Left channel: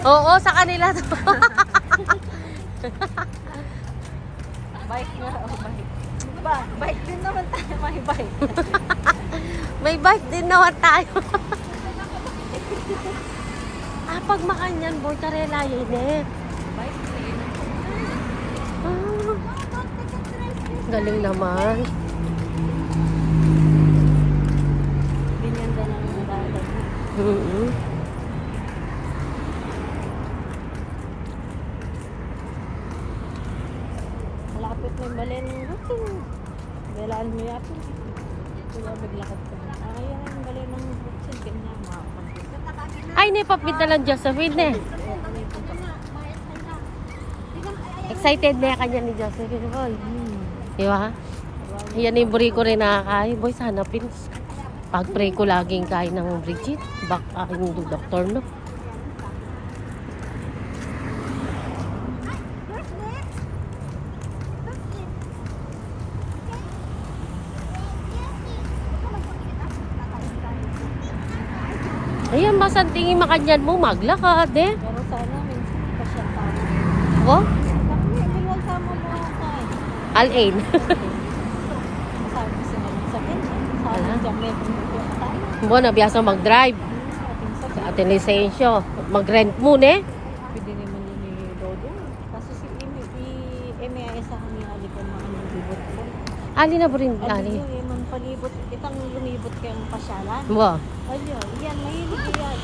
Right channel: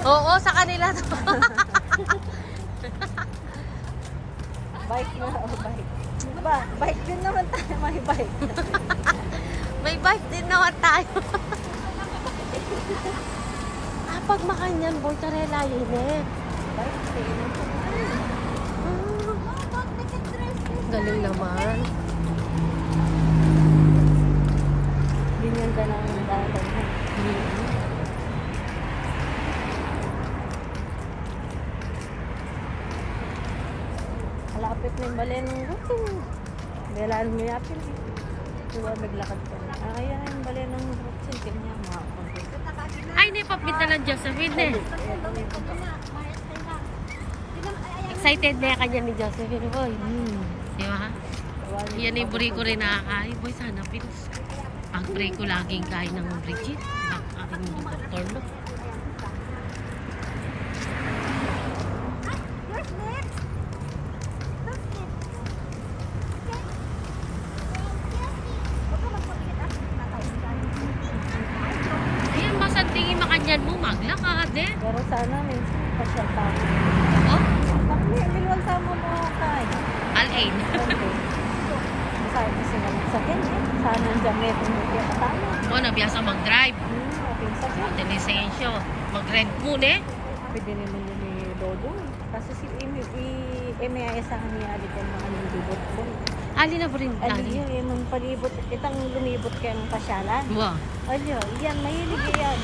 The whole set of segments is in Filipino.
Oo, sa kanila to. Bike mo, bike. Bike din naman tayo, may bike. May bike din naman tayo. Pag makanyan, boy, tarela yun eh. Galing naman. Binigyan ng mga malapit na yung balen. Belaan mo yapin. Tuwa naglakad ko. Kaya yung balen ng buksin. Kanya mga Ay, nipapita lang Josephine eh. Excited na kanya ni Josephine, boy. Di ba? Yan yung buri ko rin nakakain. Boy, sana please. Pag-pray ko laging kain ng Ricky. Baka hindi doktor, no? Ayan, mas ang tingin makanyan mo, maglakad eh. pero sana minsan pasya pa. Oh, Niliwan ka mo mo tayo. Al-Ain. Sabi ko sila sa ganyan. Sana damit. Hindi ka tayo. Bo, nabiyasa mag-drive. Ate lisensyo. Mag-rent muna eh. Pwede rin ni Dodo. Kasi si MIS ang niyali ko naman yung libot ko. Ali na po rin. Ano Ali. yun, yung palibot, itang lumibot kayo ng pasyalan. Wow. Ano, yan, mahilig yan.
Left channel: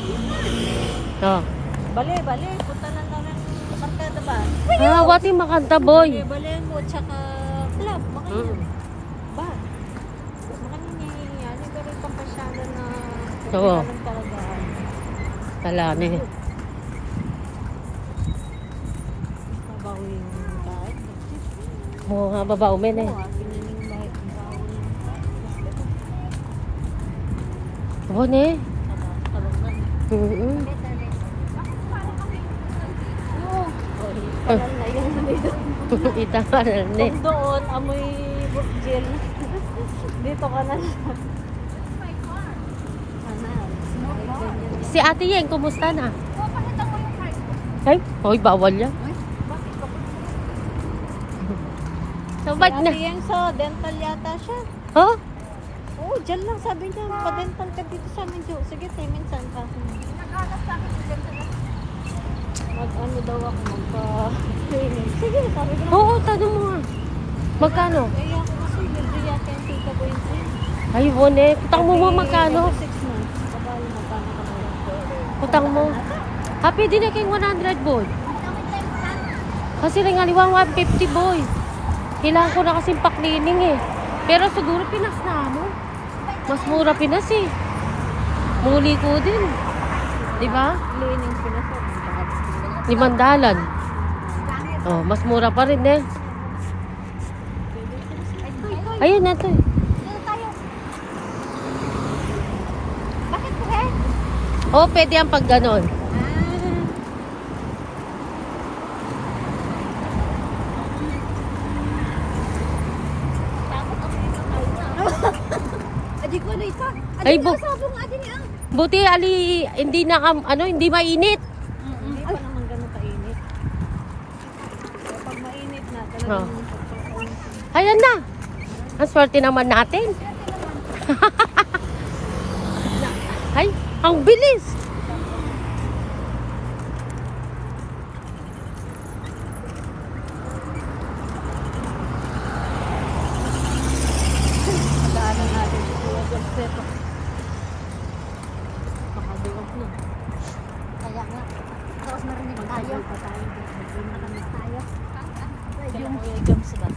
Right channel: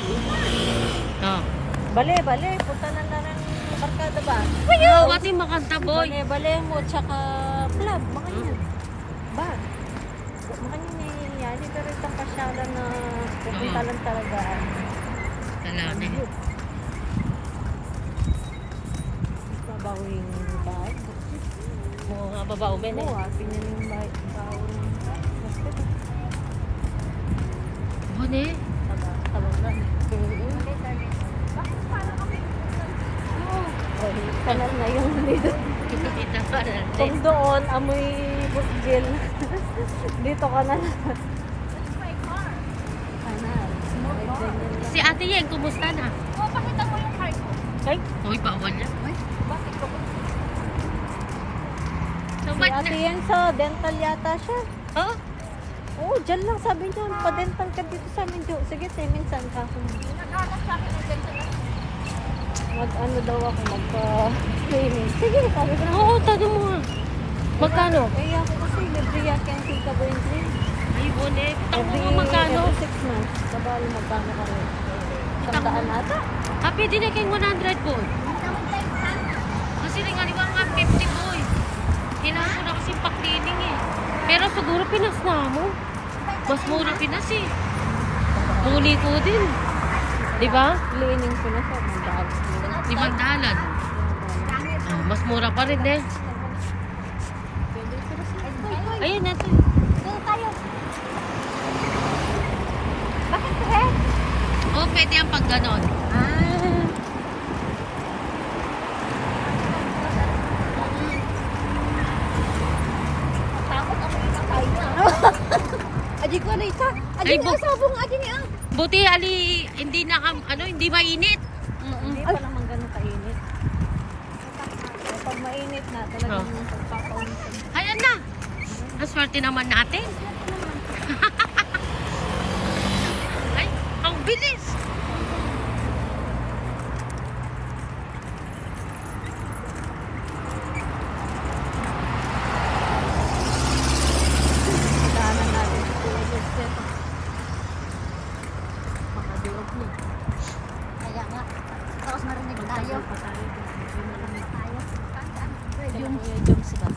Oh. Bale, punta na namin sa barkada ba? Wati makanta, boy. Bale mo, tsaka vlog, makayin. Mm. Ba? Makayin yan, yung pero itang pasyalan na Oo. kailangan talagaan. Talamin. Mabaho yung bahay. Oo nga, babaw men eh. Oo, pinaling bahay. Oo ne. Oo. Kalan na yun dito. Kita ka na ne. Kung doon, amoy bukjil. Dito ka na. Si Ate Yeng, kumusta na? Oh, pakita mo yung card ko. Ay, hoy, bawal yan. Bakit ka ba? So, ba't na? Yan, so, dental yata siya. Oh? Oo, dyan lang sabi niya. Pa-dental ka dito sa amin, Jo. Sige, say, minsan ka. Nag-alas sa akin yung dental. Mag-ano daw ako, magpa-training. Sige, sabi ko. Oo, tanong mo nga. Magkano? Eh, ako kasi, libre yan, cancel ka going to. Ay, wala eh. Putang mo mo magkano? 6 months. Kabalo magkano kami. Putang mo. Happy din na kayong 100, boy. Kasi rin aliwang 150, boy. Kailangan ko na kasing pa-cleaning eh. Pero siguro Pinas na mo. Mas mura Pinas eh. Muli ko din. Di ba? Cleaning ko na siya. 500. Oh, mas mura pa rin eh. Ayun na to. Oh, pwede ang pag ganon. Adi ko na isa. Ay, Adi ko sabong adi niya. Buti ali hindi na hindi mainit. Hindi pa naman ganun kainit. Pag mainit na, talagang Ayan na. Ang swerte naman natin. Ay, ang bilis. daanan natin si Kuya Jagseto. Makabiog niya. Kaya nga, tapos marinig tayo. Pa tayo. Nakakita tayo. Yung sikat.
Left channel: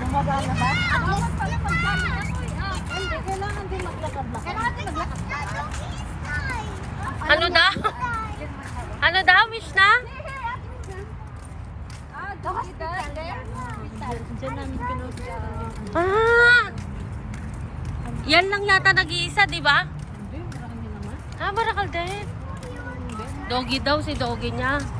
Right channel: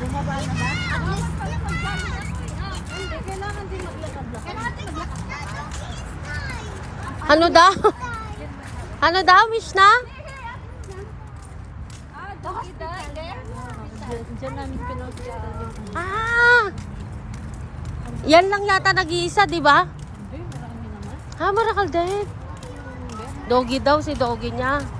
Bumaba na ba? Dapat pala mag-jogging ako eh. Hindi, kailangan din maglakad-lakad. Kailangan din maglakad-lakad. Ano daw? Ano daw, wish na? The hospital. Diyan namin pinusukan yung ano. Ah! Yan lang yata nag-iisa, di ba? Hindi, marami naman. Ha, Marakal din. Hindi. Doggy daw si doggy niya.